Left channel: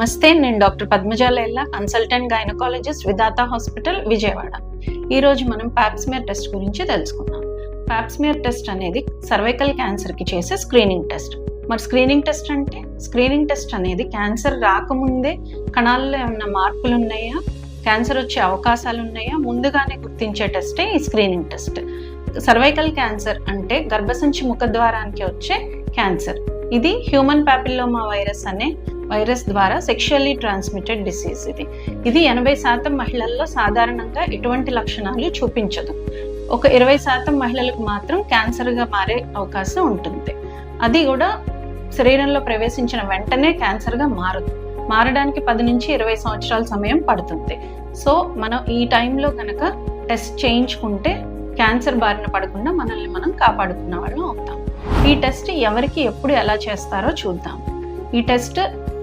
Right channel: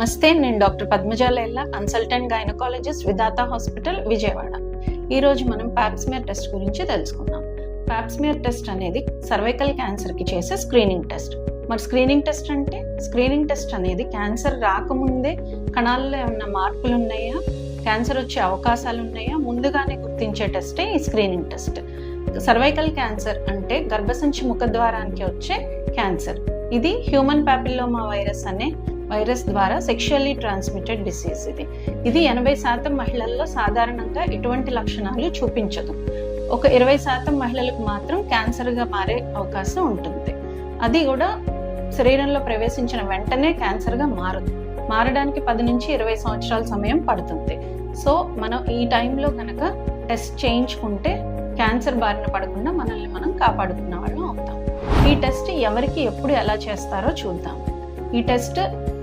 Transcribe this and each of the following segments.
నమస్తే, నేను doctor Padmaja లైల్లా, consultant gynaecologist విధాత hospital Vijayawada. ఈరోజు మనం పాప్స్మియర్ టెస్ట్ గురించి తెలుసుకుందాం. పాప్స్మియర్ టెస్ట్ అనేది సర్వైకల్ క్యాన్సర్కి చేసే స్క్రీనింగ్ టెస్ట్. మరి స్క్రీనింగ్ టెస్ట్ అనేది క్యాన్సర్ రాకముందే కణాల్లో ఏమన్నా మార్పులు ఉన్నాయా, క్యాన్సర్ వచ్చే అవకాశాలు ఉన్నాయా ముందుగానే గుర్తించే టెస్టే ఈ స్క్రీనింగ్ టెస్ట్. సర్వైకల్ క్యాన్సర్ అంటే గర్భసంచి ముఖద్వారానికి వచ్చే క్యాన్సర్. ఇది హ్యూమన్ పాపిల్లోమా వైరస్ అనే వైరస్ ద్వారా సెక్షువల్లీ ట్రాన్స్మిటెడ్ డిసీజ్. ఇది 80% మహిళల్లో సాధారణంగా ఎటువంటి లక్షణాలు చూపించదు. ఒక 20% మహిళలకు మాత్రం క్యాన్సర్గా మారే అవకాశం ఉంటుంది. అది కూడా శరీరంలో ప్రవేశించిన వెంటనే క్యాన్సర్గా మారడానికి 10 నుంచి 20 సంవత్సరాల సమయం పడుతుంది. సో మనం ఈ టైంలో కనుక టెస్ట్ చేయించుకుంటే క్యాన్సర్ బారిన పడకుండా మనల్ని మనం కాపాడుకున్న వాళ్ళు అవుతాం. ఈ టెస్ట్ ఎవరికి ఎప్పుడు ఎలా చేస్తారో చూద్దాం. ఈ టెస్ట్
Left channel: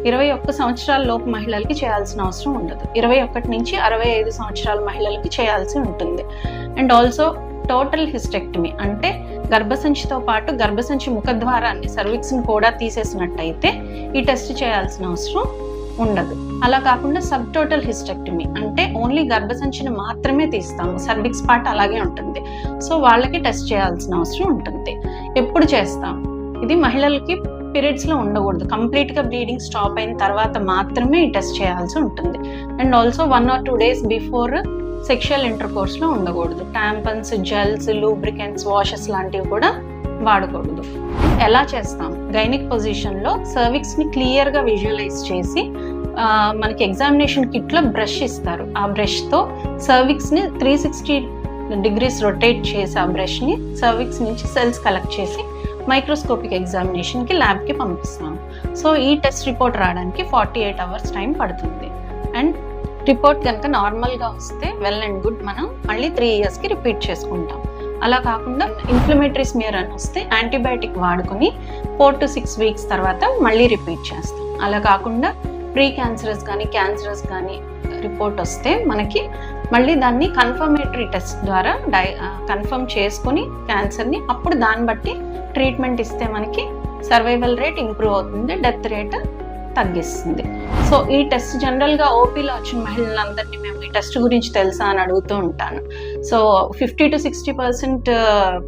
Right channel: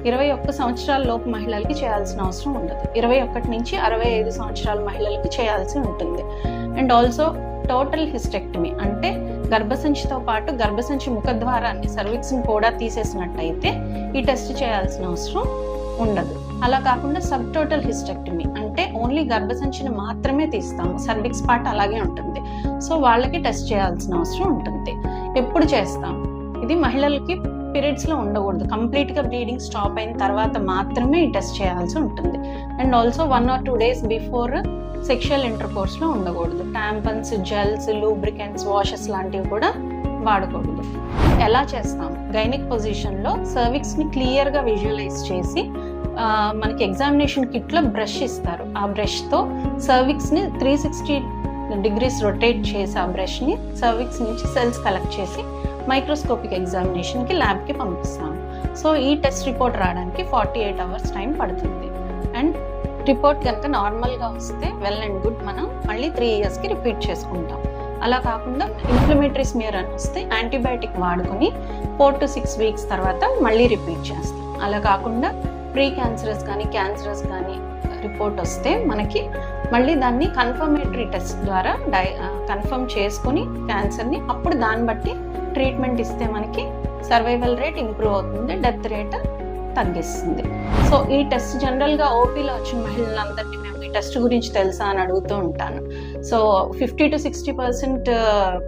21 సంవత్సరాల లోపు మహిళలకి చేయాల్సిన అవసరం ఉండదు. 21 నుంచి 65 సంవత్సరాల మహిళలకి చేయాల్సి ఉంటుంది. అండ్ ఆల్సో టోటల్ హిస్టెక్టమీ అంటే గర్భసంచితో పాటు గర్భసంచి ముఖద్వారాన్ని సర్విక్స్ని కూడా తీసేసినట్టయితే ఈ టెస్ట్ చేయాల్సిన అవసరం ఉండదు. అలా కాకుండా సబ్ టోటల్ హిస్టెక్టమీ అంటే ఓన్లీ గర్భసంచిని మాత్రమే తీస్తాము, సర్విక్స్ పార్ట్ అలాగే ఉంటుంది. సో వాళ్ళకి టెస్ట్ చేయాల్సిన అవసరం ఉంటుంది. ఎప్పుడు చేస్తాం? ఇది మహిళలకి పీరియడ్స్లో ఉండకూడదు. కంప్లీట్గా బ్లీడింగ్ స్టాప్ అయిన తర్వాత మాత్రమే ఈ టెస్ట్ చేయాల్సి ఉంటుంది. And also 1 or 2 days before sexual ఇంటర్కోర్స్లో ఉండకూడదు. టాంపన్స్, జెల్స్, లూబ్రికెంట్స్, వాషెస్ లాంటివి కూడా వాడకూడదు. ఎలా చేస్తాం? గైనిక్ పొజిషన్లో సర్విక్స్ని క్లియర్గా విజువలైజ్ చేసి మనకి ఎగ్జామినేషన్ కిట్లో బ్రష్ ఇస్తారు. ఆ బ్రష్తో సర్విక్స్ని 360 degrees రొటేట్ చేసి ఆ బ్రష్ని సర్విక్స్ నుంచి సెల్స్ కలెక్ట్ చేసి మైక్రోస్కోపిక్ ఎగ్జామినేషన్కి ల్యాబ్కి పంపిస్తాం. సో ఈ టెస్ట్ రిపోర్ట్ రావడానికి 48 hours టైం పడుతుంది. అండ్ రిపోర్ట్ కనుక నార్మల్గా వస్తే వెల్ అండ్ గుడ్, మనం మళ్ళీ 3 yearsకి రిపీట్ చేసుకుంటాం. అలా కాకుండా ఇన్ఫ్లమేటరీ స్మియర్ అని వస్తే యాంటీబయాటిక్ వాడుకొని 4 to 6 weeks తర్వాత మళ్ళీ రిపీట్ చేస్తాం. అలా కాకుండా ప్రీ క్యాన్సరస్ కానీ రిపోర్ట్ వస్తే మనకి మళ్ళీ దాన్ని కన్ఫర్మేటరీ టెస్ట్ ద్వారా కన్ఫర్మ్ చేసుకుని క్యాన్సర్ని అప్పుడు దాన్ని బట్టి ట్రీట్మెంట్ ఇస్తే మనకి సర్వైవల్ రేట్ ఇంప్రూవ్ అవుతుంది, డెత్ రేట్ తగ్గిస్తుంది. సో ఈ టెస్ట్ జనరల్గా ఓపీలో వచ్చిన మహిళలందరినీ మేము ఈ టెస్ట్ గురించి తెలుసా అని అడుగుతూ ఉంటాను. సో 50 to 60%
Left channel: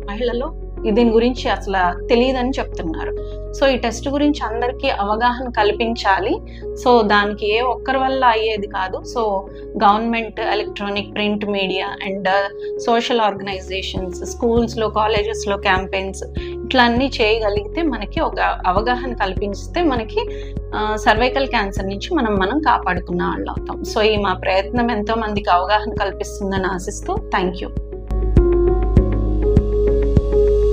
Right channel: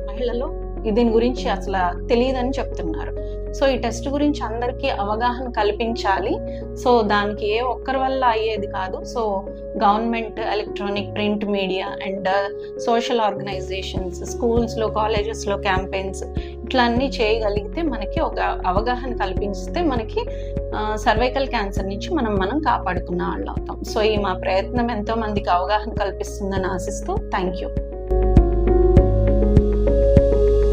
మహిళలు దీని గురించి అసలు తెలియదని చెప్తున్నారు. సో ఈ టెస్ట్ గురించి అందరికీ అవగాహన కల్పించాలి. సో దానికి ఏ ఒక్కరి వల్ల అయ్యేది కాదు. So government, electronic, print media and social organisations, స్కూల్స్లో, కాలేజెస్లో క్యాంపెయిన్స్ ఇట్లా అన్నీ చేయగలిగితే మనకి ఒక అవగాహన కల్పిస్తే మనకి సర్వైకల్ క్యాన్సర్ నుంచి మనం కాపాడుకున్న వాళ్ళు అవుతాం. సో ఈ మా ప్రయత్నం ఎంతో మందికి అవగాహన కల్పిస్తుందని ఆశిస్తూ థ్యాంక్ యూ.